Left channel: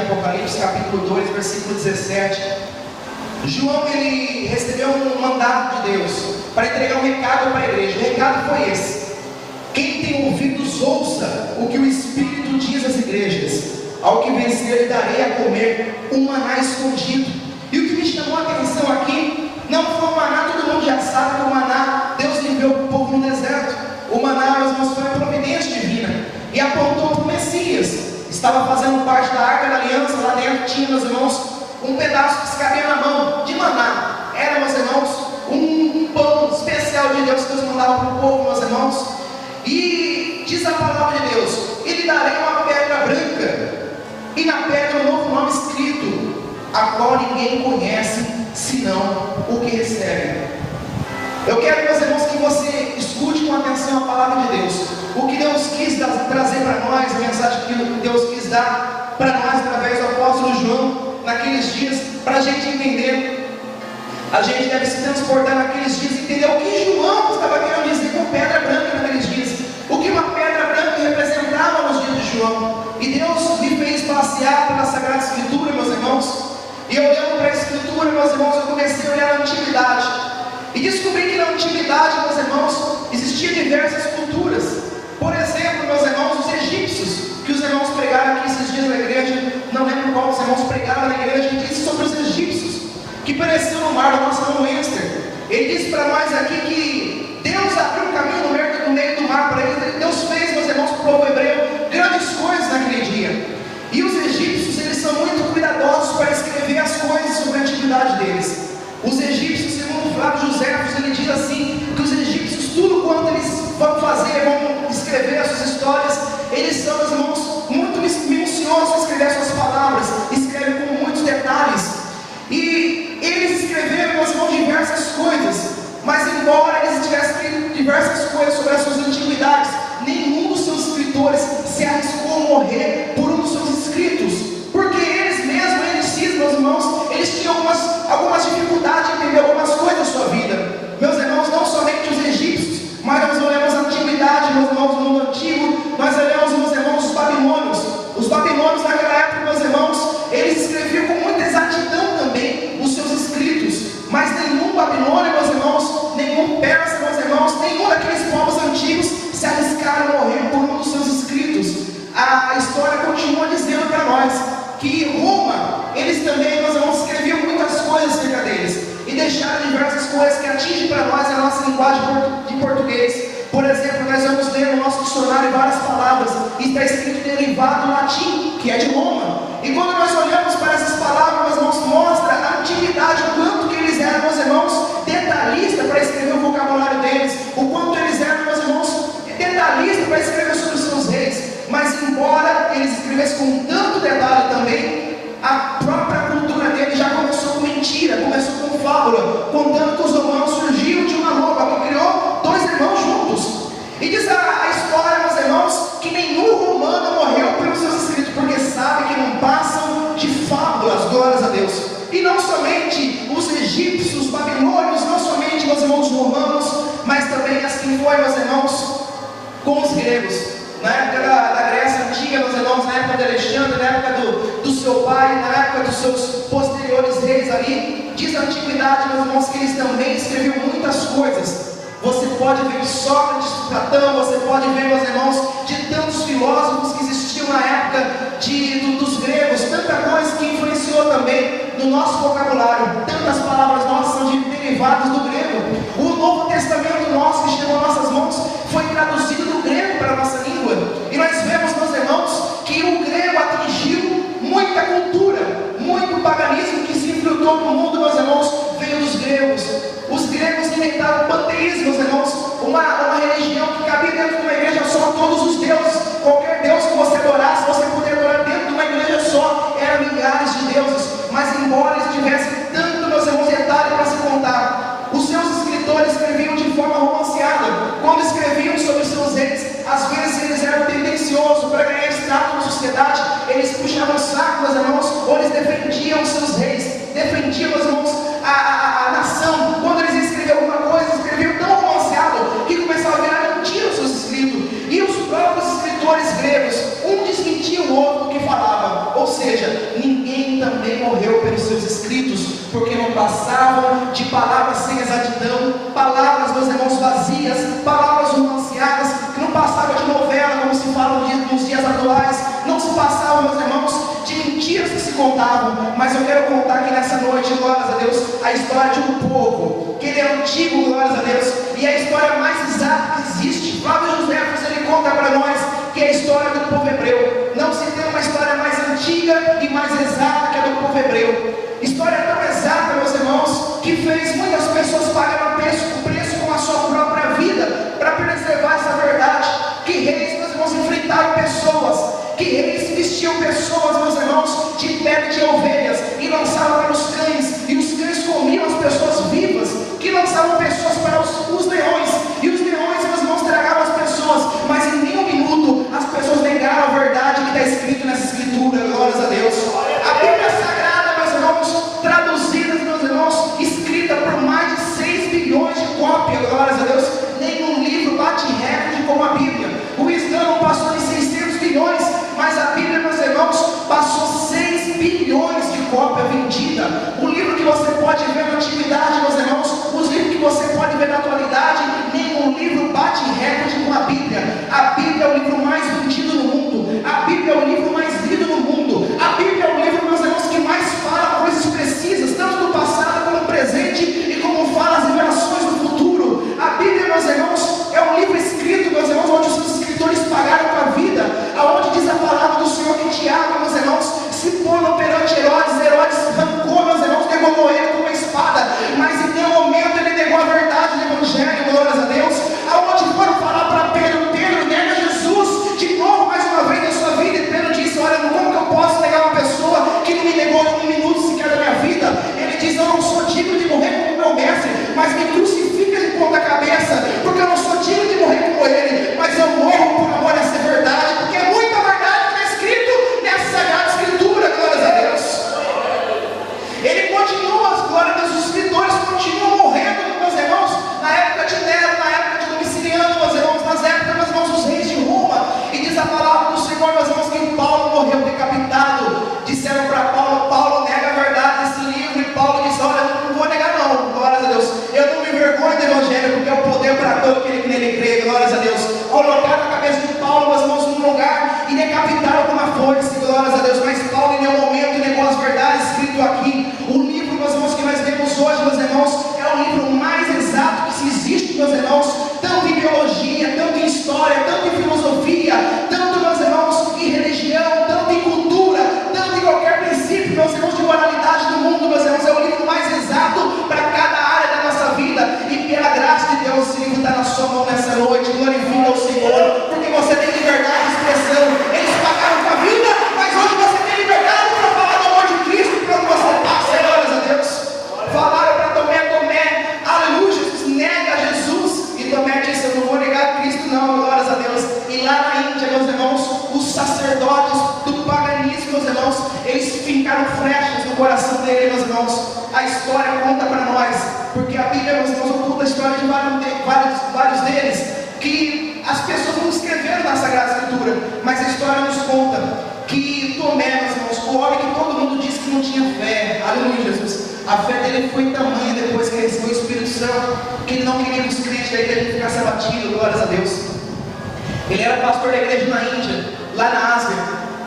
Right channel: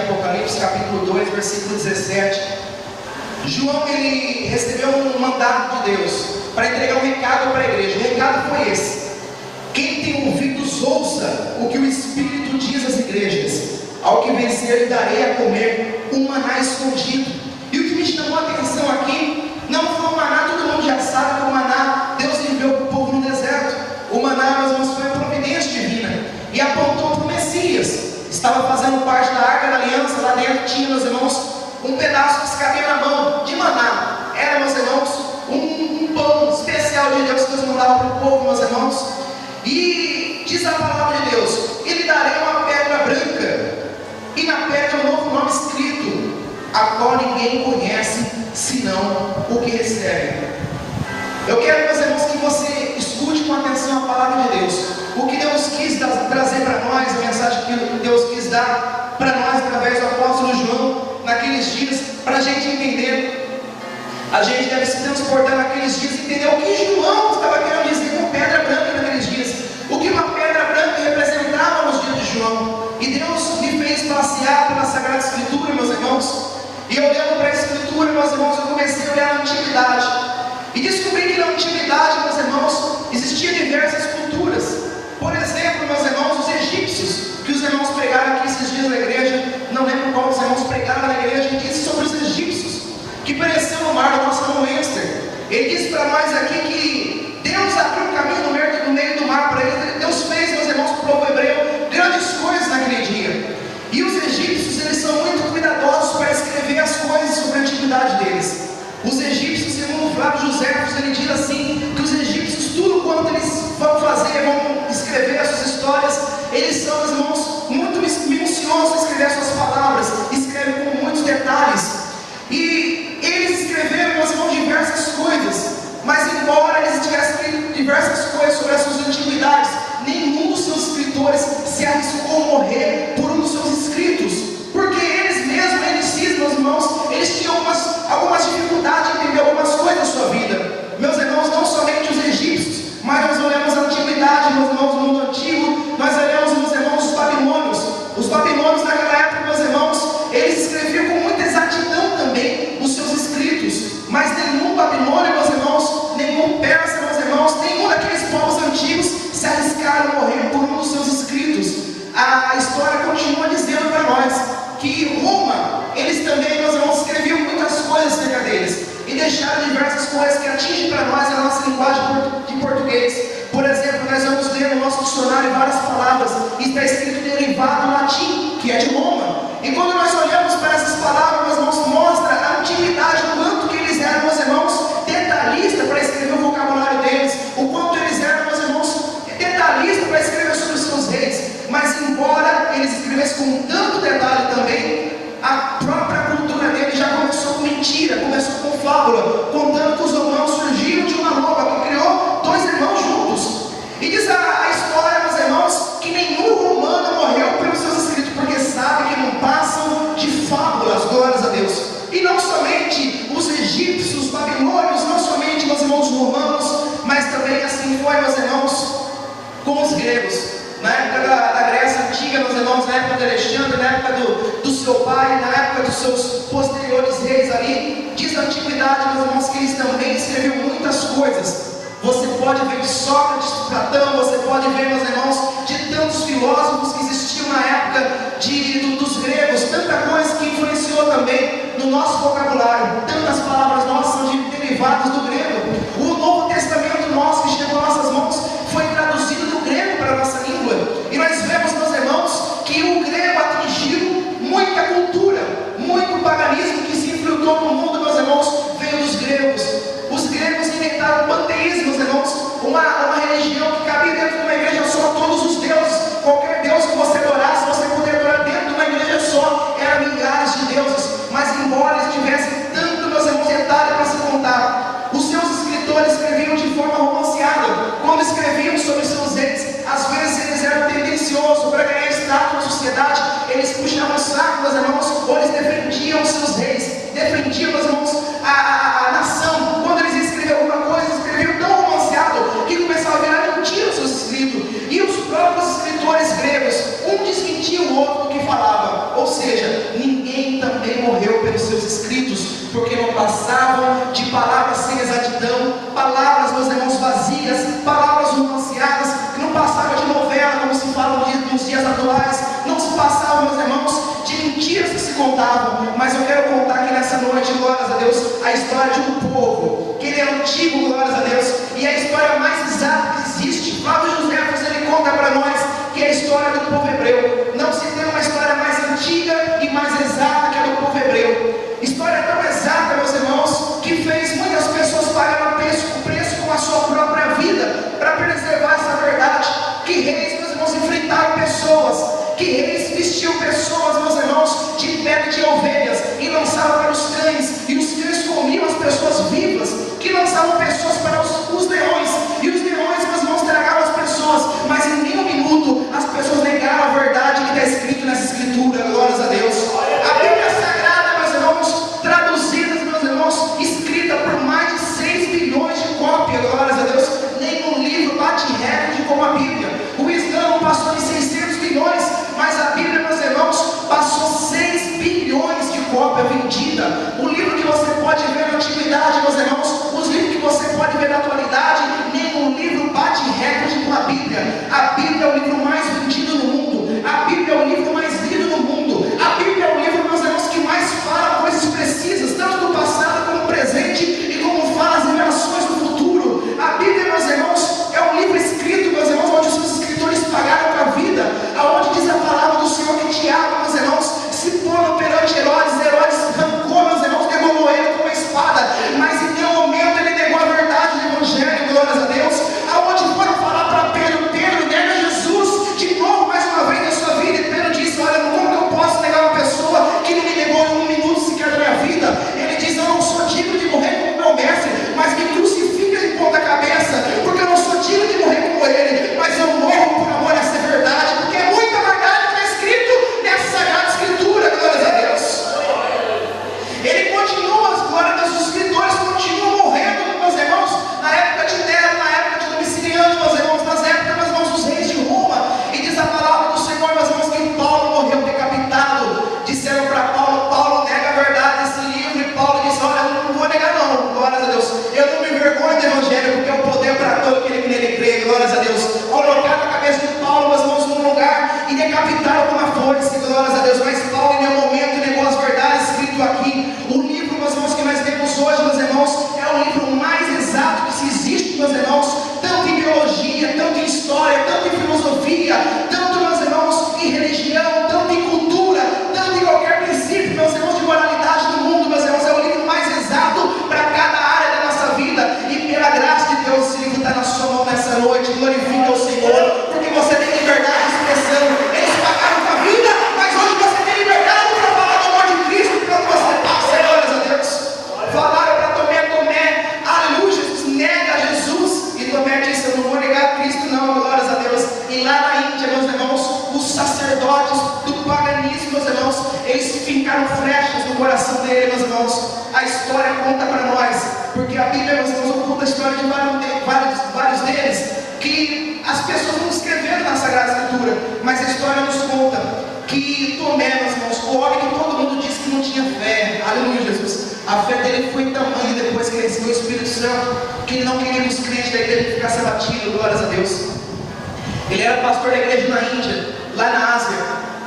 Apocalipse capítulo 2, versículo 17. João, ele recebeu um mandato de Deus para entregar um recado para a igreja. O recado foi esse: quem tem ouvidos, ouça o que o Espírito diz às igrejas. Ao que vencer, lhe darei a comer um maná escondido. E o que me chamou a atenção aqui não foi o maná, todo mundo já sabe que o maná Deus enviou para o povo no deserto. O maná, meus irmãos, foi a providência divina e apontou para o Messias. Estava fazendo parte da Arca da Aliança. Lá dentro tinha, meus irmãos, um pedaço que se cabia na mão de maná. Era, meus irmãos, um pão especial de Deus que Deus mandava para o povo, meus irmãos. E diz a palavra de Deus: e lhe darei uma pedra branca, e na pedra um novo nome escrito, a qual ninguém conhece, senão o que recebe. Eu quero, meus irmãos, que você escute com atenção a palavra de Deus. O que Deus quis trazer para nós, a mensagem que Deus quis dar para nós através do apóstolo João naqueles dias, para a gente entender. A gente deve se transportar naqueles dias e entender o que João estava querendo dizer com pedra branca naqueles dias. O que uma pedra branca representava nos dias de João. E Deus me fez passear pela Sagrada Escritura, meus irmãos. E olhando para a Escritura, meus irmãos, eu comecei a olhar a Antiguidade. E descobri que na Antiguidade, meus irmãos, existiam diversas culturas. Por exemplo, meus irmãos, os egípcios, que os irmãos pregaram aqui esses dias na igreja, não lembro qual os irmãos pregaram na igreja, disse sobre os egípcios, que pereceu no mar, o nosso irmão Lester. Ele disse para nós aqui que Deus abriu o caminho no meio do mar para eles. Deus fez, meus irmãos, para o povo hebreu, grandes coisas naquele dia. E os egípcios, eles são muito cuidadosos para escrever as coisas sobre a antiguidade deles. Os egípcios, segundo Flávio Joséfos, ele diz assim, que os egípcios, tudo quanto eles vão fazer, vão escrever as suas histórias, eles são, meus irmãos, muito minuciosos em escrever as suas palavras, escrevem com muitos detalhes. E eles escreveram, meus irmãos, diversas coisas, mas embora eles tivessem escrito diversas coisas sobre as suas antiguidades, nenhum dos seus escritores se arriscou a morrer por um dos seus escritos, porque eles mesmos, meus irmãos, eles tinham algumas dificuldades em entender algumas coisas da sua vida. Meus irmãos, não somente os egípcios, mas nós olhamos a antiguidade, meus irmãos, no mundo antigo, nós olhamos, meus irmãos, os babilônios. Os babilônios naquela época, meus irmãos, eles escreviam com muita exatidão também os seus escritos, mas nenhum babilônio, meus irmãos, nenhum persa, meus irmãos, nenhum daqueles povos antigos se arriscaram a morrer por um dos seus escritos. A história continua dizendo para nós que Roma, eles também, meus irmãos, escreviam muitas coisas acerca deles e deixaram diversas coisas que atingem para nós a nossa linguagem de português. Por exemplo, nós vamos ler no nosso dicionário várias palavras e está escrito derivado no latim, que é de Roma. E quando nós olhamos para essas palavras, nós vamos mostrar a antiguidade, o quanto que eles eram, meus irmãos, detalhistas para escrever o vocabulário deles, o quanto eles eram, meus irmãos, detalhistas para escrever sobre os seus reis. Mas embora eles escrevessem com tanto detalhe também, a própria cultura dele já começou com mentira, começou com fábula, contando que os romanos surgiram de uma roupa que criou dois irmãos juntos. E diz a história, meus irmãos, que nenhum romano morreu pelos seus escritos, porque sabe que não passam de fábulas, glórias a Deus. E não somente os egípcios, os babilônios, não somente, meus irmãos, os romanos, mas também assim foi, meus irmãos, com os gregos. Na época da Grécia Antiga, meus irmãos, na época de Alexandre, na época do seu pai, na época dos seus posteriores reis ali, diz a antiguidade, meus irmãos, que eles também escreviam muitas coisas. Você pode ver de Sócrates, Platão, você pode ver, meus irmãos, de tantos filósofos que existiam na época dos gregos, tanta coisa que influenciou também no nosso vocabulário. Tantas palavras nossas são derivadas do grego. O Novo Testamento nosso, que chegou às nossas mãos, foi traduzido do grego para a nossa língua. E nós vemos, meus irmãos, que o grego atingiu muita cultura, muito paganismo que se infiltrou no mundo, meus irmãos, veio dos gregos. Os gregos inventaram o panteísmo, meus irmãos, uma religião que cabia dentro de uma igreja só, todos os deuses, qualquer deus que você adorasse, você poderia adorar dentro de uma igreja só, eram milhares de deuses. Mas embora eles tivessem tanto, meus irmãos, detalhe para se contar, os seus escritores escreviam de forma romanceada. Quando escreviam sobre seus reis, às vezes eles eram tendenciosos para ganhar status na sociedade, eles puxavam o saco, meus irmãos, ou eles defendiam os seus reis, defendiam, meus irmãos, a nação. Quando eles escreviam alguma coisa, escreviam tão romanceado que começava a virar mentira os seus escritos. E os próprios escritores gregos, um desmentia o outro do que falava. Ou seja, de palavras sem exatidão, palavras, meus irmãos, vazias, palavras romanceadas, que não passavam de novela, como se fala nos dias atuais, não se passavam, meus irmãos, de mentiras que se contavam. Mas eu quero contar aqui nessa noite, glórias a Deus, a história de um povo, que ele é antigo, glórias a Deus, e a história mais exata que existe. Flávio Josefo, ele conta para nós que é a história do povo hebreu. Não se tem uma história mais antiga e mais exata que a do povo hebreu. História tão exata, meus irmãos, que fez muitas pessoas pagar o preço com a sua própria vida para preservar essa verdade. Que reis, meus irmãos, enfrentaram pessoas, que reis vestiam pessoas, meus irmãos, de pele de ovelhas e lançavam para os cães, e os cães comiam as pessoas vivas, que lançavam pessoas para os leões, e os leões, meus irmãos, tragavam as pessoas, mas em nenhum minuto as pessoas negaram a verdade que está escrito nessa escritura, glórias a Deus. A Bíblia Sagrada, meus irmãos, traduzida, meus irmãos, escrita por mais de 6 bilhões de cópias, glórias a Deus. Nenhum livro bate recorde como a Bíblia. O Islã passou em 600 bilhões, mas a Bíblia, meus irmãos, passou 6 bilhões de cópia vendida. O livro que você pode ver na antiguidade, meus irmãos, os livros que você pode ver na atualidade, nenhum livro bate recorde com a Bíblia. A Bíblia é o livro mais vendido no mundo. A Bíblia é o livro mais lido no mundo. A Bíblia é o livro, meus irmãos, que mais fala coisas precisas, tanto do passado como do presente, e como fala as revelações do futuro. A Bíblia, meus irmãos, é um livro escrito, meus irmãos, onde os escritores pagaram com a vida, aonde diz a palavra do Senhor que Tiago, meus irmãos, se pondo perante Herodes arrancou, meus irmãos, derrubou ele com uma espada, mas em nenhum momento ele negou a verdade do Evangelho, glórias a Deus. Aonde foram falar para Pedro, nega Jesus de novo, mais uma vez na sua vida, e Pedro disse: olha, como que eu posso negar uma pessoa que não me negou em um minuto sequer da minha vida? Ele diz: eu não sou digno de morrer como meu mestre, mas me crucifica de ponta cabeça, porque eu não sou digno de morrer como ele, mas eu morro por amor a essa verdade, porque é muita verdade que está escrito nessa Sagrada Escritura, glórias a Deus. Ele continua, glória a Deus, os escritores continuam morrendo, meus irmãos, na época de Nero, na época de Domiciliano, meus irmãos, nas épocas, meus irmãos, dos reis de Roma, e diz a palavra do Senhor, meus irmãos, que Paulo morreu decapitado. Disseram para Paulo nega a verdade desse livro, e Paulo disse: olha, eu não vou negar não, glórias a Deus, eu não me envergonho do Evangelho, porque é o poder para todo aquele que nele crê, glórias a Deus. Colocaram a cabeça de Paulo, meus irmãos, num lugar e decapitaram com uma foice, glórias a Deus, mas Paulo em nenhum momento negou as verdades escritas aqui. O livro, meus irmãos, que nós lemos hoje, meus irmãos, é o livro mais exato que existe, meus irmãos, tanto em biologia, tanto em história, tanto em filosofia, tanto, meus irmãos, em religião, tanto em cultura, tanto em qualquer princípio, meus irmãos, de moralidade do mundo, meus irmãos, é o livro mais exato para cada área da nossa vida, e pela graça de Deus, esse livro está na sua mão nessa noite. Glorifica o Senhor, porque você tem liberdade de expressão. Eles pagaram com a vida, mas hoje você tem liberdade para falar do amor de Cristo, para onde você passa, glórias a Deus. Falaram para Tomé, aleluia, nega Jesus, e Tomé disse: eu não vou negar Cristo não, glórias a Deus. E lá na Índia, meus irmãos, os sacerdotes do paganismo, meus irmãos, eles fincaram flechas no coração dele, meus irmãos. A história conta para nós, porque a Bíblia, meus irmãos, conta a história de vários deles, que as pessoas não escreveram na Sagrada Escritura, mas a história nos conta que Tomé, meus irmãos, o homem que todo mundo disse que não tinha fé, aleluia, Jesus, a fé dele foi tamanha depois que ele recebeu o Espírito Santo, que ele não queria que os crentes da igreja ficassem abatidos, glórias a Deus. Ele era pastor da igreja na Índia, lá na Ásia,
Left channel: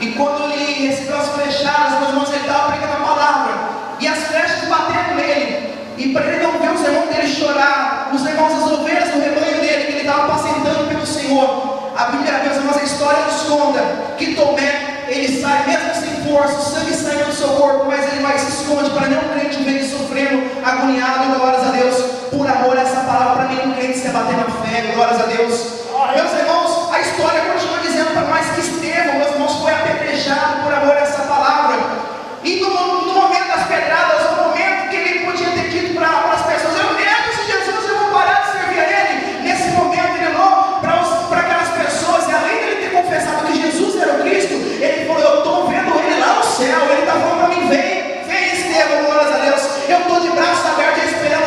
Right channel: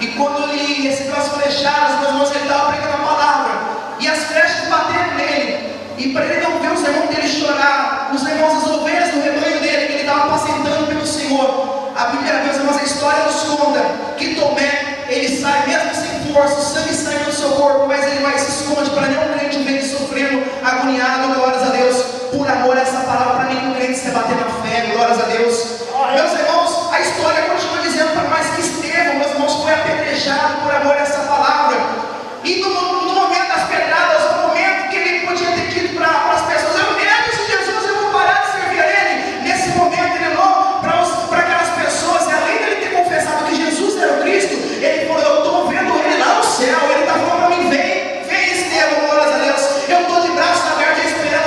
e quando ele recebeu as flechadas, meus irmãos, ele estava pregando a palavra, e as flechas bateram nele, e para ele não ver os irmãos dele chorar, os irmãos, as ovelhas do rebanho dele, que ele estava apacentando pelo Senhor. A Bíblia, meus irmãos, a história nos conta que Tomé, ele sai mesmo sem força, o sangue saindo do seu corpo, mas ele vai e se esconde para nenhum crente ver ele sofrendo, agoniado, glórias a Deus, por amor a essa palavra, para nenhum crente se abater na fé, glórias a Deus. Meus irmãos, a história continua dizendo para nós que Estevão, meus irmãos, foi apedrejado por amor a essa palavra, e no momento das pedradas, no momento que ele podia ter dito para as pessoas: eu mesmo, se Jesus, eu vou parar de servir a ele. Nesse momento ele olhou para aquelas pessoas, e além de ele ter confessado que Jesus era o Cristo, ele falou: eu estou vendo ele lá no céu, ele está falando para mim: vem Estevão, glórias a Deus, eu estou de braços abertos esperando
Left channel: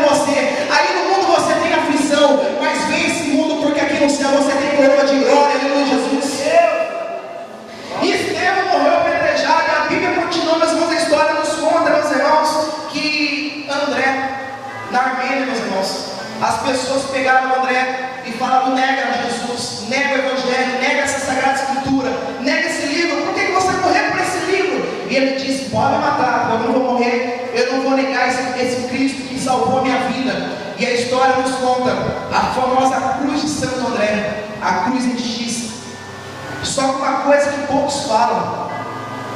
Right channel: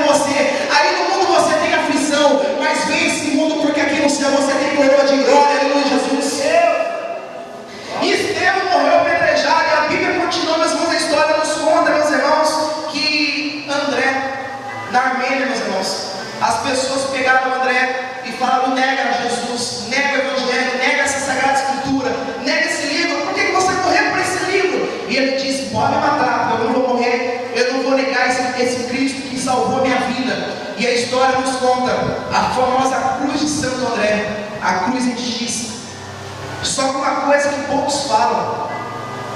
pessoas pegaram André e falaram: nega Jesus, nega o Evangelho, nega essa Sagrada Escritura, nega esse livro, por que você morreu por esse livro? E ele disse: pode me matar, eu não vou morrer, eu não vou negar esse Cristo que salvou a minha vida. E a história nos conta a famosa cruz de Santo André, a cruz em X. Só que uma coisa que poucos falam:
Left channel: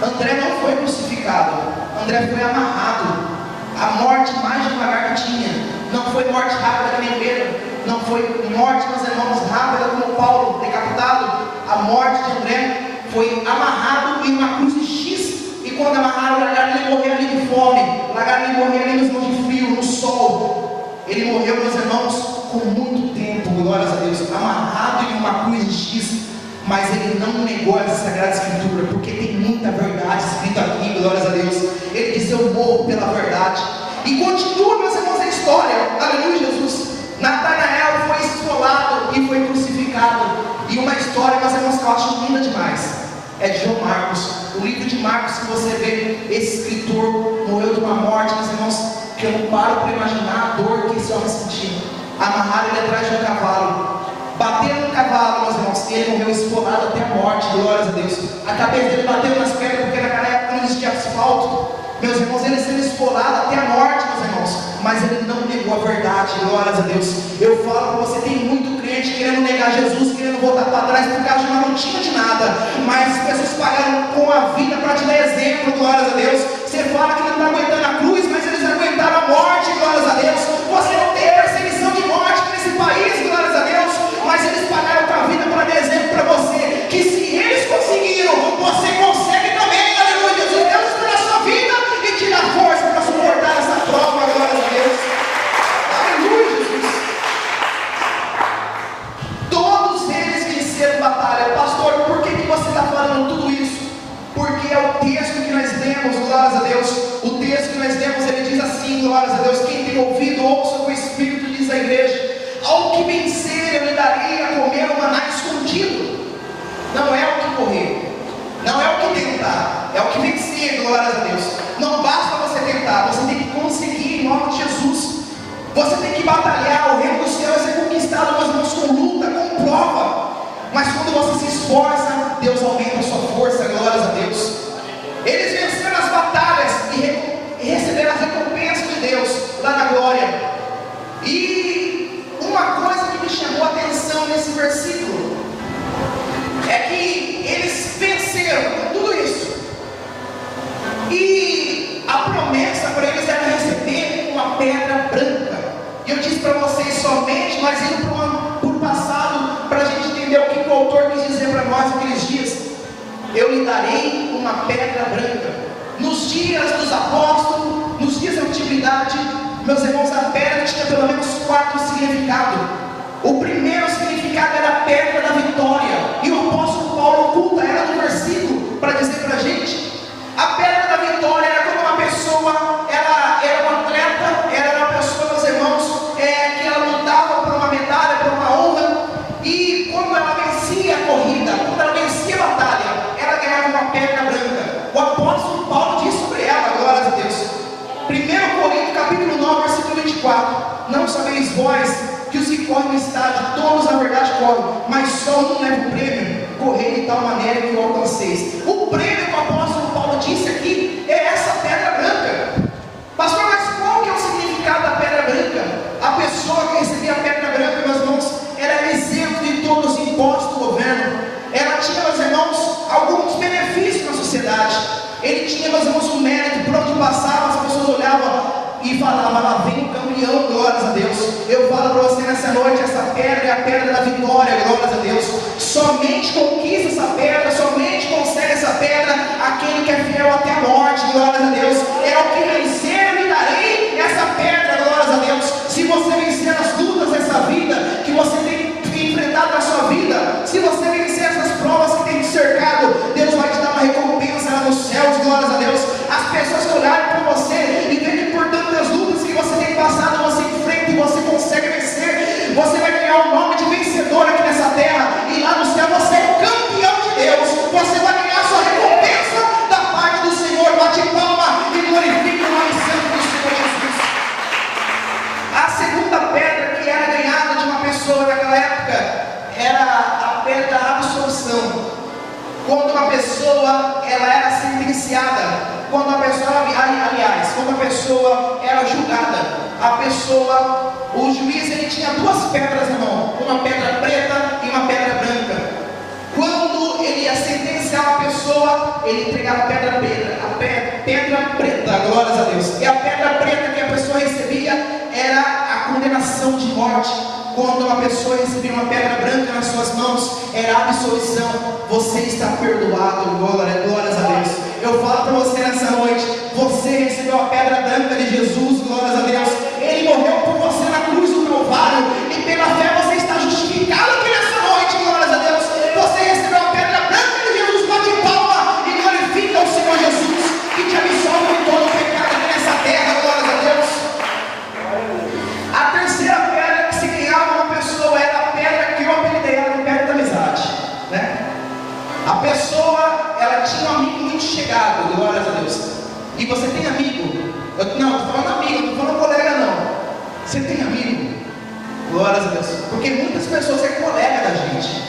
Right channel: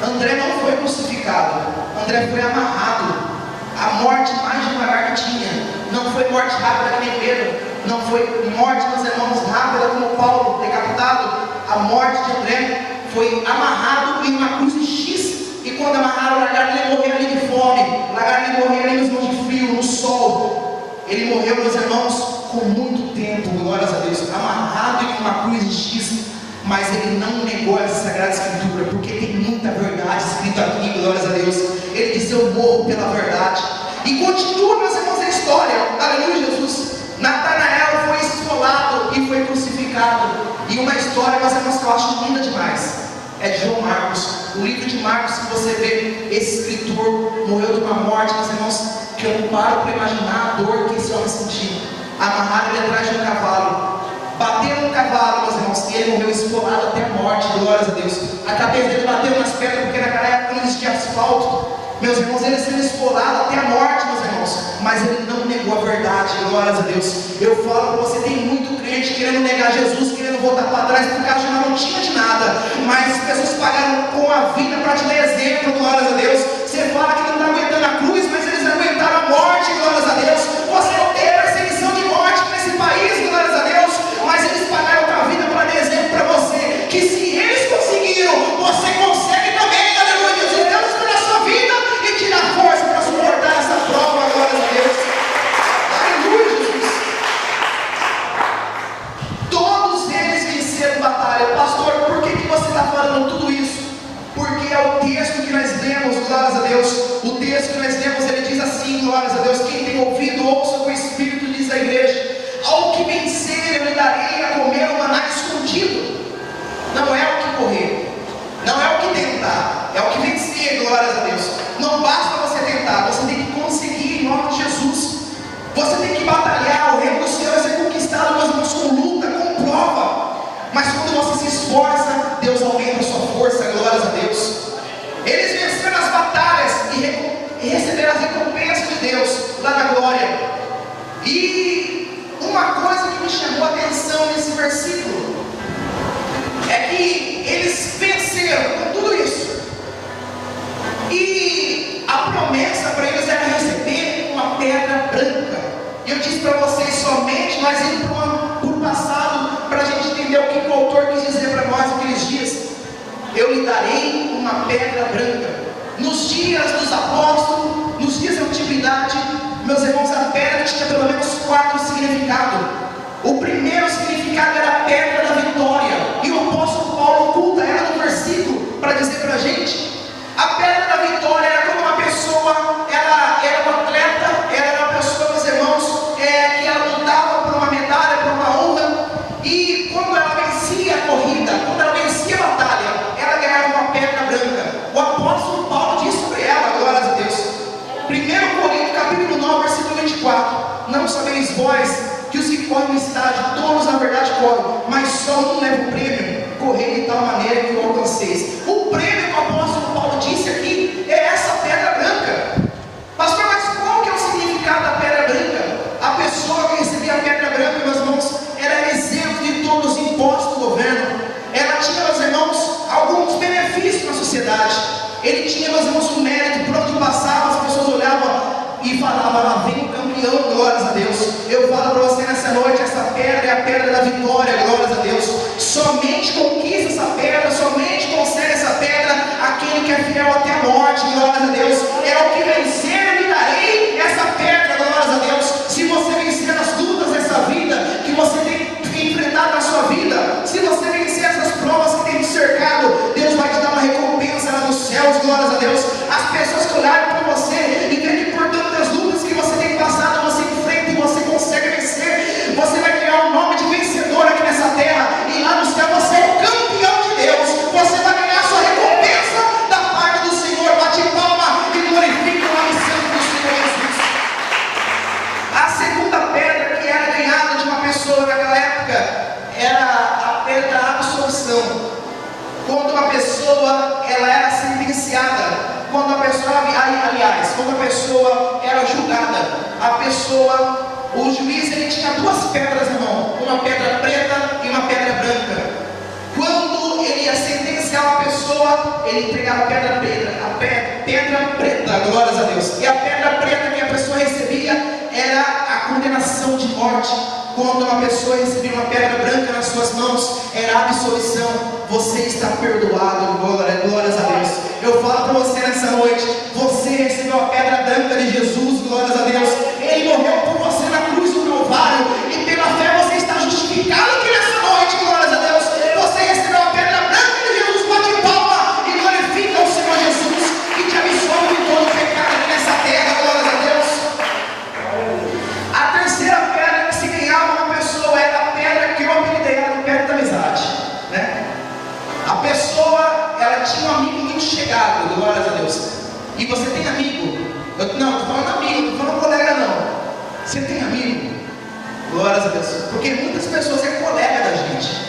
André não foi crucificado, André foi amarrado. A morte mais devagar que tinha, não foi morte rápida nem Pedro, não foi morte, meus irmãos, rápida como Paulo, decapitado. A morte de André foi amarrado em uma cruz de X. E quando amarraram, largaram ele morrer ali de fome, largaram ele morrer ali nos mãos de frio, no sol. Ele morreu, meus irmãos, com muito tempo, glórias a Deus, amarrado em uma cruz de X. Mas ele não negou essa Sagrada Escritura, porque tem muita verdade escrita aqui, glórias a Deus. Ele diz: eu morro pela verdade. E continua, meus irmãos, a história, aleluia, Jesus. Natanael foi esfolado e foi crucificado. E uma história, meus irmãos, que eu acho linda demais, é de João Marcos. O livro de Marcos, se você vê, esse escritor morreu de uma morte, meus irmãos, que eu não paro para imaginar a dor que esse homem sentiu. Amarrado ele atrás de um cavalo, batendo no cavalo, meus irmãos, e ele morreu esfolado até a morte, glórias a Deus. A cabeça dele bateu nas pedras, porque naquela época não existia asfalto. Meus irmãos, ele sendo esfolado até a morte, meus irmãos, mas ele não negou a verdade, glórias a Deus. Eu falo para você, tem muito crente querendo negar Jesus, querendo voltar para trás, porque a gente não tinha de nada, mas as pessoas pagaram com a vida para te dar exemplo, glórias a Deus. Você fala que não está aguentando a cruz, mas eles aguentaram a morte, glórias a Deus. Você não tem perseguição de morte nesse país, glórias a Deus, mas eles pagaram com a vida para dar exemplo para você, que se eles conseguiram, você consegue também, aleluia. Jesus, Deus pela sua vida e te dá força para suportar essa prova, glórias a Deus. Aleluia, Jesus. Todos eles venceram batalha. Pastor, por que você está falando tudo isso? Porque é o texto que nós lemos, glórias a Deus. O texto que nós lemos, ele diz assim, glórias a Deus: quem tem ouvido, ouça o que o Espírito diz à igreja. Ao que vencer, eu lhe darei a comer o maná escondido. Não é o que correr, não é o que tentar, é o que vencer, glórias a Deus. Não basta você tentar, você tem que conseguir em nome de Jesus. Você tem que batalhar, o reino dos céus é conquistado, meus irmãos, com luta, com prova. Mas quando você se esforça, Deus aumenta a sua força, glórias a Deus. Eles venceram as batalhas e receberam a recompensa de Deus lá na glória. E uma coisa que me chamou a atenção nesse versículo é que eles venceram com tudo isso. E a promessa para eles era receber uma pedra branca. E eu disse para vocês, somente nós indo por passado, para a gente entender o que o autor quis dizer para nós naqueles dias. Eu lhe darei uma pedra branca. Nos dias dos apóstolos, nos dias da antiguidade, meus irmãos, a pedra tinha pelo menos 4 significados. O primeiro significado era a pedra da vitória, e o apóstolo Paulo oculta ela no versículo para dizer para a gente. A pedra da vitória era quando uma pessoa, ela era uma atleta, ela era uma pessoa, meus irmãos, que ela lutava por uma medalha, por uma honra, e quando ela vencia a corrida, quando ela vencia a batalha, ela ganhava uma pedra branca. O apóstolo Paulo diz sobre ela, glórias a Deus. 1 Coríntios capítulo 9, versículo 24: não sabeis vós que os que correm no estádio, todos na verdade correm, mas só um leva o prêmio? Correr de tal maneira que o alcanceis. O prêmio que o apóstolo Paulo disse aqui é essa pedra branca. Pastor, mas qual que é o significado da pedra branca? A pessoa que recebia a pedra branca, meus irmãos, era isento de todos os impostos do governo. Ela tinha, meus irmãos, alguns benefícios na sociedade. Ele tinha, meus irmãos, um mérito. Por onde passava, as pessoas olhavam e falavam: lá vem o campeão, glórias a Deus. Eu falo para você nessa noite, essa pedra é a pedra da vitória, glórias a Deus. Somente conquista essa pedra, somente consegue essa pedra aquele que é fiel até a morte, glórias a Deus. É o que vencer, eu lhe darei essa pedra, glórias a Deus. Se você vencer as lutas dessa vida, que você tem enfrentado na sua vida, se você vencer essas provas que tem te cercado, Deus vai te dar uma recompensa lá nos céus, glórias a Deus. As pessoas que olharem para você e ver que por tantas lutas que você tem passado, você enfrenta e você consegue vencer, você vai ganhar o nome de vencedor aqui nessa terra, e lá no céu você é o campeão de Deus, você pessoa ela era sentenciada, quando a pessoa, aliás, quando a pessoa era julgada, o juiz ele tinha duas pedras na mão, uma pedra preta e uma pedra branca. Quando ele ia sentenciar uma pessoa, ele entregava a pedra preta, glórias a Deus. E a pedra preta que a pessoa recebia era a condenação de morte. Quando uma pessoa recebia uma pedra branca nas suas mãos, era a absolvição. Você está perdoado, glórias a Deus. Eu falo para você nessa noite, você recebeu a pedra branca de Jesus, glórias a Deus. Ele morreu por você na cruz do Calvário, e pela fé você está justificado aqui nessa noite, glórias a Deus. Você recebeu a pedra branca de Jesus, bate palma e glorifica o Senhor Jesus, que te absolve de todo pecado aqui nessa terra, glórias a Deus. A terceira pedra que se ganhava uma pessoa era a pedra que eu apelidei, era a pedra da amizade, né? A pessoa, ela tinha um amigo muito chegado, glórias a Deus. E você tem amigo? Não, estou falando amigo, não estou falando colega não. Você tem amigo? Glórias a Deus. Porque muitas pessoas é colega da gente.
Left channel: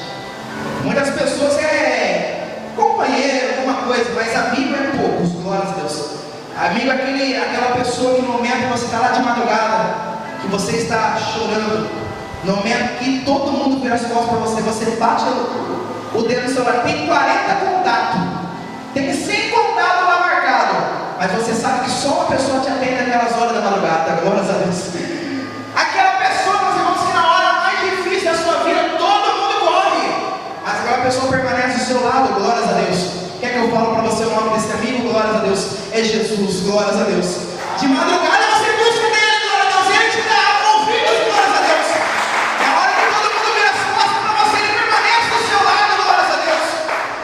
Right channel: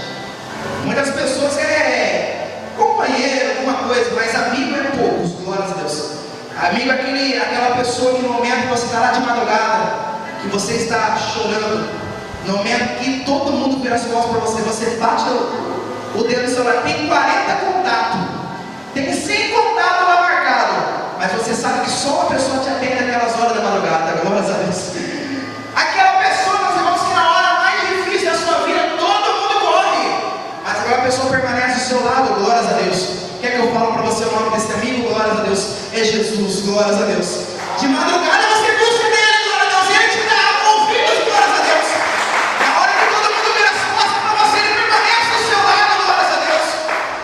Muitas pessoas é companheiro, alguma coisa, mas amigo é poucos, glórias a Deus. Amigo é aquela pessoa que no momento que você está lá de madrugada, que você está chorando, no momento que todo mundo vira as costas para você, você bate o dedo no celular, tem 40 contatos, tem 100 contatos lá marcados, mas você sabe que só uma pessoa te atende naquelas horas da madrugada, glórias a Deus. Aquela pessoa, meus irmãos, que na hora mais difícil da sua vida, todo mundo corre, mas aquela pessoa permanece do seu lado, glórias a Deus. Quer que eu falo para você o nome desse amigo? Glórias a Deus. É Jesus, glórias a Deus. De madrugada você busca nele, glórias a Deus. Ele te dá ouvidos, glórias a Deus. Na hora que todo mundo vira as costas para você, ele permanece do seu lado, glórias a Deus.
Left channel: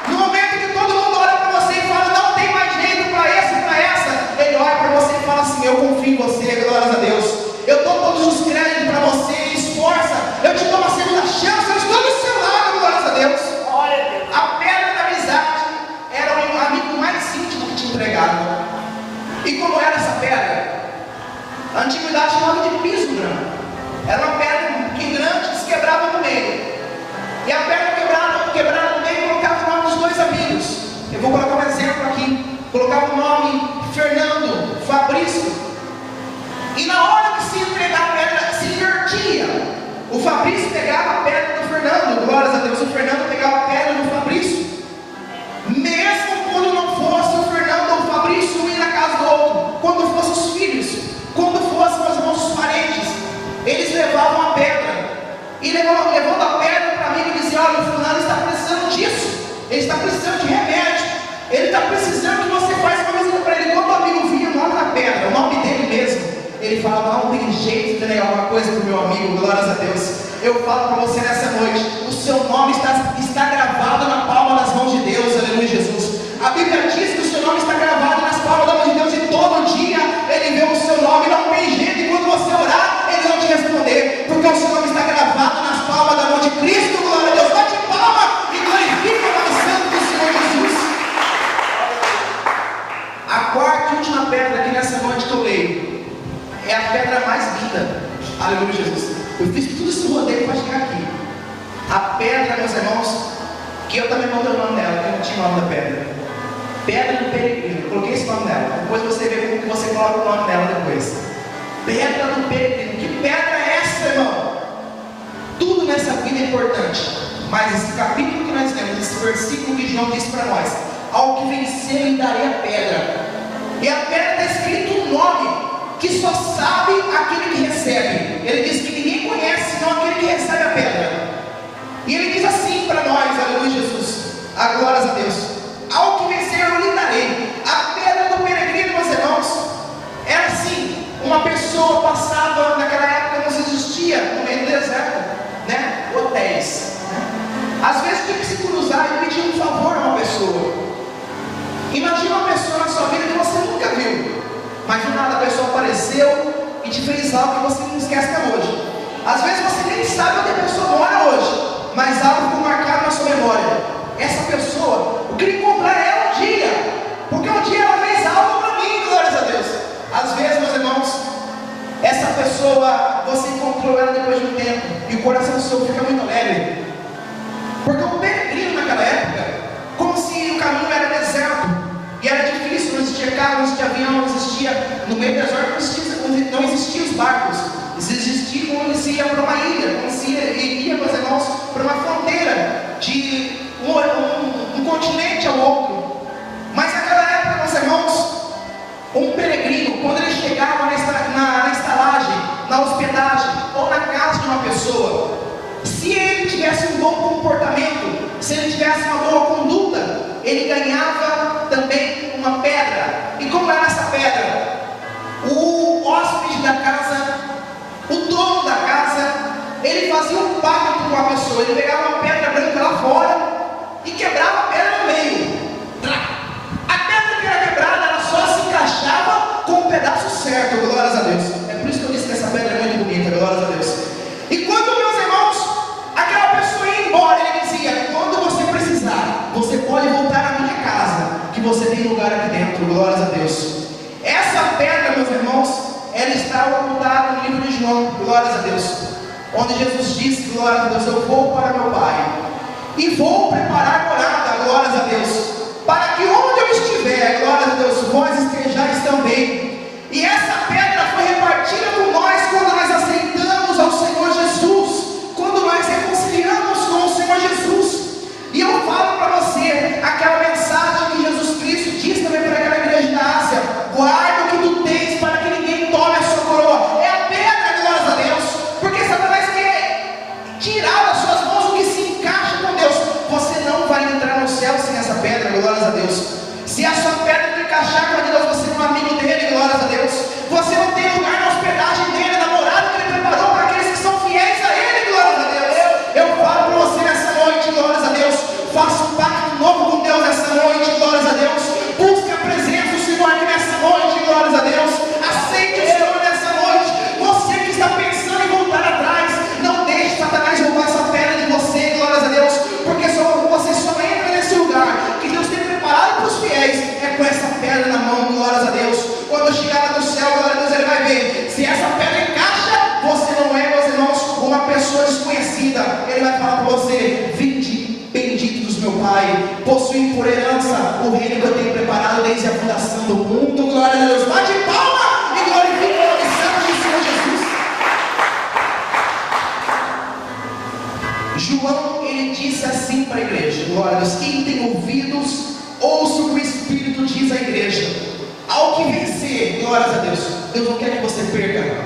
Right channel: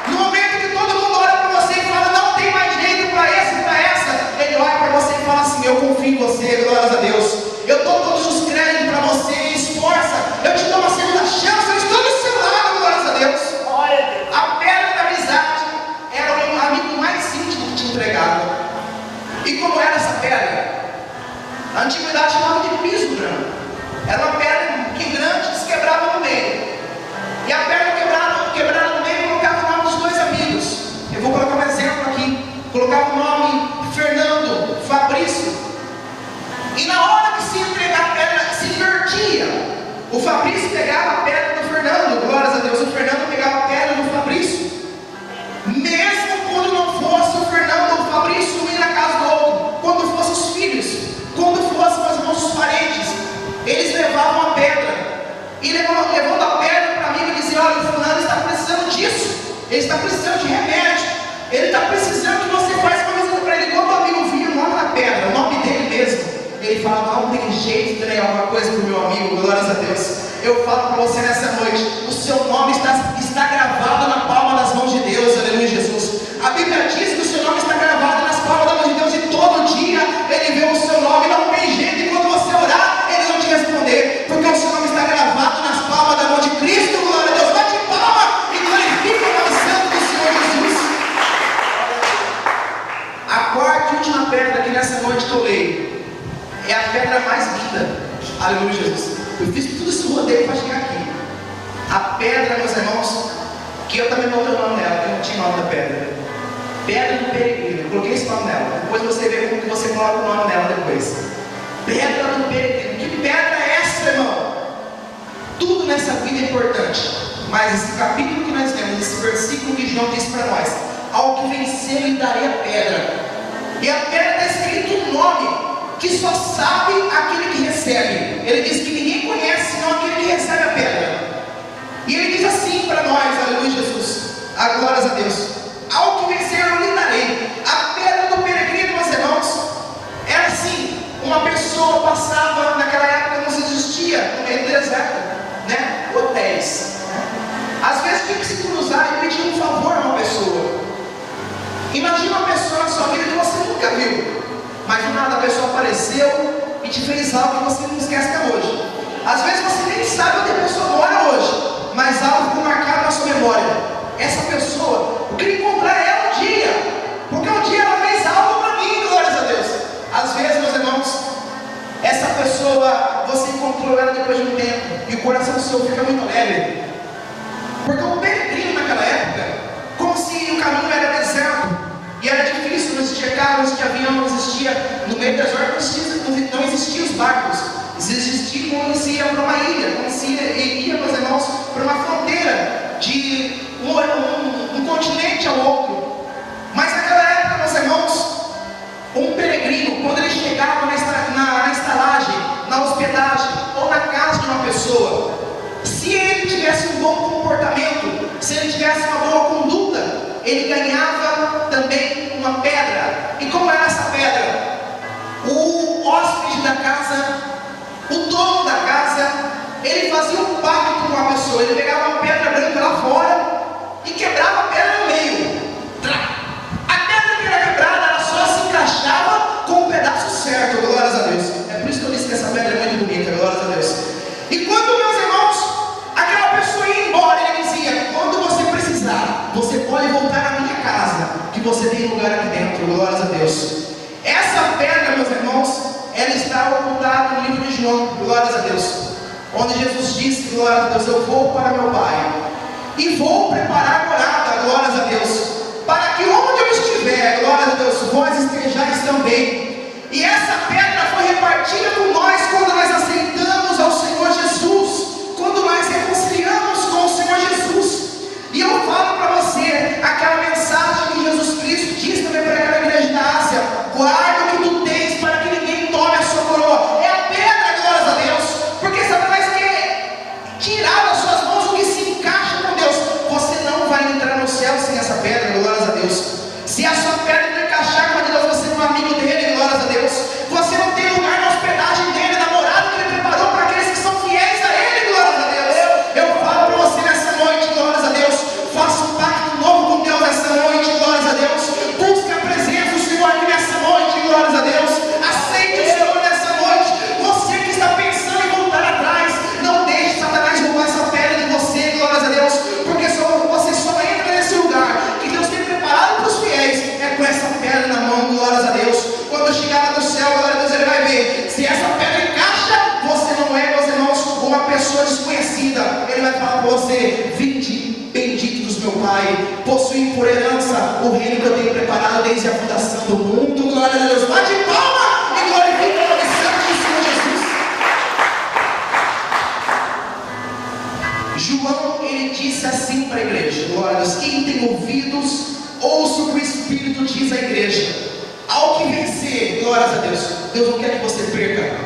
No momento que todo mundo olha para você e fala, não tem mais jeito para esse e para essa, ele olha para você e fala assim, eu confio em você, glórias a Deus. Eu dou todos os créditos para você, me esforça, eu te dou uma segunda chance, eu estou do seu lado, glórias a Deus. A pedra da amizade era o amigo mais íntimo que te entregava. E como era essa pedra? A antiguidade chamava de piso branco. Era uma pedra que grande que se quebrava no meio. E a pedra quebrada no meio colocava o nome dos dois amigos. Eu vou colocar um exemplo aqui. Colocava o nome Fernando, Fabrício. E na hora que se entregar a pedra, se invertia. O Fabrício pegava a pedra do Fernando, glórias a Deus. O Fernando pegava a pedra do Fabrício. Mesmo quando não fosse o Fernando ou o Fabrício ir na casa do outro, quando fossem os filhos, quando fossem os nossos parentes, eles levavam a pedra. E levando a pedra para mim e diziam, olha, o fulano está precisando disso. Ele está precisando de remédio. Ele está precisando que você faça uma visita para ele. Quando o amigo vinha o nome da pedra, o nome dele mesmo, ele falava, não tem jeito de entregar alguma coisa para o meu amigo, glórias a Deus. Eu falo para você nessa noite, o seu nome está gravado na palma das mãos de Deus, aleluia, Jesus. A Bíblia diz que o seu nome está gravado nas palmas das mãos de Deus, e todo dia ele vê o seu nome, não tem jeito, e quando você orar, ele não te responder, porque o seu nome está gravado nas palmas da mão de Cristo, glória a Deus. Bate palma e glorifica o nome santo do Senhor Jesus. A quarta e última pedra que nessa noite que eu leio, é a pedra mais linda, aleluia, Jesus. Eu fiz tudo esse rodeio para chegar aqui. A pedra, meus irmãos, que eu também botei o nome dela, que não tinha o nome da pedra. Pedra do peregrino, eu coloquei esse nome dela. Depois você vê como que você coloca o nome dela depois. Pedra do peregrino. Que pedra é essa, irmão? Tudo nessa vida é importante. Mas esse capítulo que nós temos, esse versículo que João disse para nós, ao que vencer lhe darei a pedra. E a pedra está escrito um nome que só sabe aquele que recebe. Ele diz que ninguém conhece senão aquele que recebe a pedra. E ele diz assim para nós, aleluia, Jesus, a glórias a Deus, ao que vencer eu lhe darei. A pedra do peregrino, meus irmãos, era assim, uma pessoa passava, naquela época não existia, no meio do deserto, né, hotéis, né? Às vezes tinha que se cruzar e pedir um favor a uma pessoa. Imagina uma pessoa na sua vida que você nunca viu, mas do nada a pessoa apareceu e te fez algo que você não esquece até hoje. Às vezes você nem sabe onde a pessoa mora hoje, mas algo ficou marcado na sua memória. Essa pessoa, eu queria encontrar ela um dia, porque um dia ela fez algo para mim, glórias a Deus. Às vezes, meus irmãos, essa pessoa, você encontrou ela depois de um tempo, e o coração seu fica muito leve. Porque o peregrino naquela época, como se o caminho era águas que haviam, não existia, no meio do deserto não existiam os barcos, existia como se ia para uma ilha, como se ia, meus irmãos, para uma fronteira de um continente ao outro. Mas naquela época, meus irmãos, um peregrino, quando ele chegava na estalagem, na hospedagem ou na casa de uma pessoa, se ele tivesse um bom comportamento, se ele tivesse uma boa conduta, ele ganhava também uma pedra. E como era essa pedra? O hóspede da casa, o dono da casa, ele fazia um pacto com a pessoa. Ele pegava uma pedra branca lá fora e quebrava a pedra no meio. A pedra que era quebrada, ela só se encaixava com o pedaço certo, glórias a Deus. É por isso que eu disse que essa pedra é muito bonita, glórias a Deus. E quando, meus irmãos, aquela pessoa ia embora, ele dizia: quando você precisar, você pode voltar na minha casa, que você tem lugar aqui dentro, glórias a Deus. Essa pedra, meus irmãos, ela está ocultada no livro de João, glórias a Deus, onde Jesus disse, glórias a Deus: eu vou para meu Pai e vou preparar morada, glórias a Deus, para que onde eu estiver, glórias a Deus, vós estejais também. E essa pedra foi repartida por nós quando nós aceitamos ao Senhor Jesus, quando nós reconciliamos com o Senhor Jesus. E eu falo para você aquela mensagem que Jesus Cristo diz também para aquela igreja da Ásia: guarda o que tu tens para que ninguém tome a sua coroa. É a pedra, glórias a Deus, porque Satanás quer tirar das suas mãos o que se encaixa com Deus. Você não vai entrar no céu sem essa pedra, glórias a Deus. Se a sua pedra não encaixar com a de Deus, você não é amigo dele, glórias a Deus. Você não tem lugar na hospedagem dele, na morada que ele preparou para aqueles que são fiéis a ele, glórias a Deus. Eu falo para você nessa noite, glórias a Deus, faça um pacto novo com Deus nessa noite, glórias a Deus. Busque a presença do Senhor aqui nessa noite, glórias a Deus. Aceite o Senhor nessa noite. Você que está pensando em voltar atrás, não deixe Satanás roubar essa pedra de você, glórias a Deus, porque você só entra nesse lugar que Deus tem preparado para os fiéis, é com essa pedra na mão, glórias a Deus. Quando chegar lá no céu, glórias a Deus, ele vai ver se essa pedra encaixa. Você não é, meus irmãos, uma pessoa desconhecida. Ele vai falar para você: vinde, benditos meu Pai, possuem por herança o reino que eu tenho preparado desde a fundação do mundo, glória a Deus. Bate palma e glorifica o nome santo do Senhor Jesus. João, ele disse assim para a igreja, glória a Deus: quem tem ouvidos, ouça o que o Espírito diz à igreja. Ao que vencer, glórias a Deus, Deus não quer que você perca,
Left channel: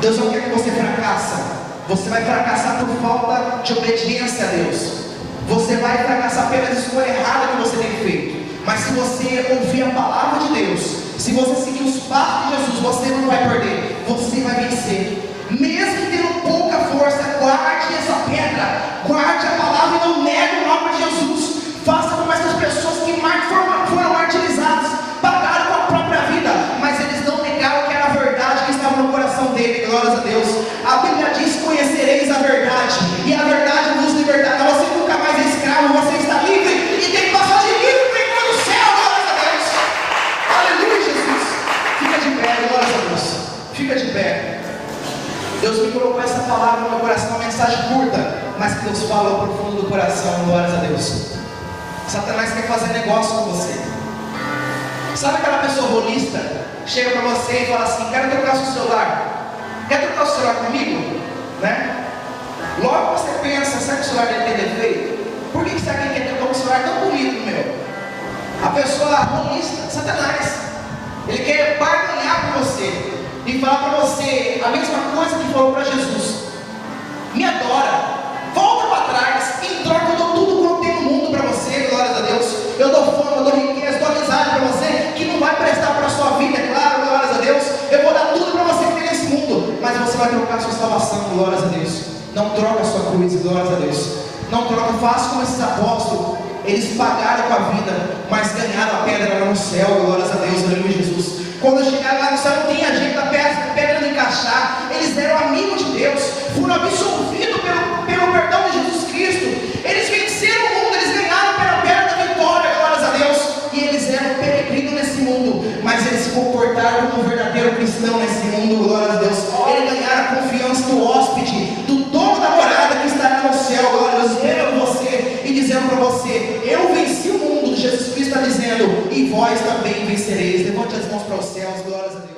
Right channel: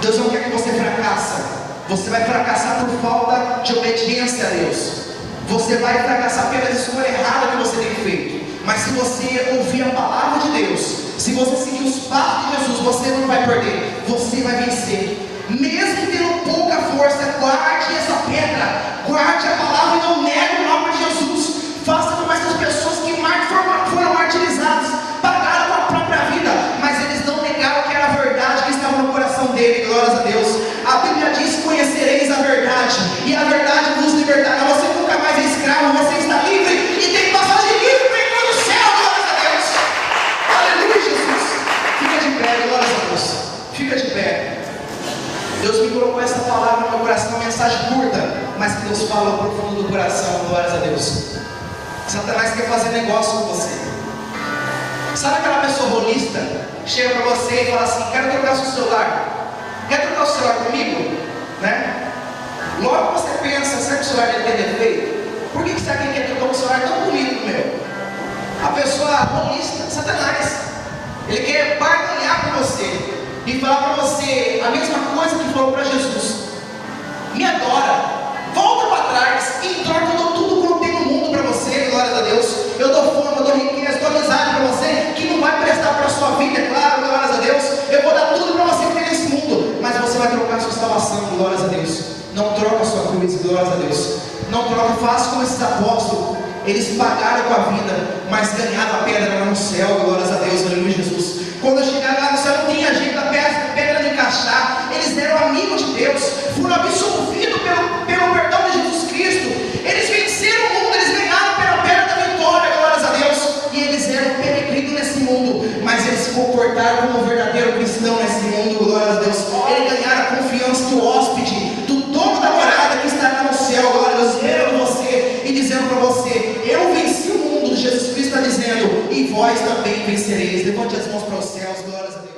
Deus não quer que você fracasse. Você vai fracassar por falta de obediência a Deus. Você vai fracassar pela escolha errada que você tem feito. Mas se você ouvir a palavra de Deus, se você seguir os passos de Jesus, você não vai perder, você vai vencer. Mesmo tendo pouca força, guarde essa pedra, guarde a palavra e não negue o nome de Jesus. Faça como essas pessoas que foram martirizadas, pagaram com a própria vida, mas eles não negaram que era a verdade que estava no coração dele, glórias a Deus. A Bíblia diz: conhecereis a verdade, e a verdade vos libertará. Você nunca mais é escravo, você está livre e tem passagem livre para ir no céu, glórias a Deus. Aleluia, Jesus. Fica de pé, glórias a Deus. Fica de pé. Deus me colocou essa palavra no meu coração, uma mensagem curta, mas que Deus fala ao profundo do coração, glórias a Deus. Satanás quer fazer negócio com você. Sabe aquela pessoa rolista que chega para você e fala assim: quero trocar o seu celular, quer trocar o celular comigo? Né? Logo você pensa: será que o celular dele tem defeito? Por que você quer trocar um celular tão bonito do meu? A pessoa rolista, Satanás, ele quer barganhar com você e falar para você a mesma coisa que falou para Jesus: me adora, volta para trás, em troca eu dou tudo quanto tem no mundo para você, glórias a Deus. Eu dou fama, eu dou riqueza, dou amizade para você, que não vai prestar para a sua vida, é claro, glórias a Deus. Eu vou dar tudo para você que tem nesse mundo, mas você vai trocar a sua salvação, glórias a Deus. Não troca a sua cruz, glórias a Deus. Não troca, faça como esses apóstolos. Eles pagaram com a vida, mas ganharam a pedra lá no céu, glórias a Deus, aleluia, Jesus. Quando chegaram lá no céu, não tinha jeito da pedra de encaixar. Eles eram amigos de Deus, foram absolvidos pelo perdão de Jesus Cristo. Eles venceram o mundo, eles ganharam pela pedra da vitória, glórias a Deus. E eles eram peregrinos nesse mundo, mas eles se comportaram como um verdadeiro cristão nesse mundo, glórias a Deus. Eles ganharam a confiança do hóspede, do dono da morada que está no céu, glória a Deus, esperando você e dizendo para você: eu venci o mundo. Jesus Cristo está dizendo: e vós também vencereis. Levante Levante as mãos para os céus, glórias a Deus.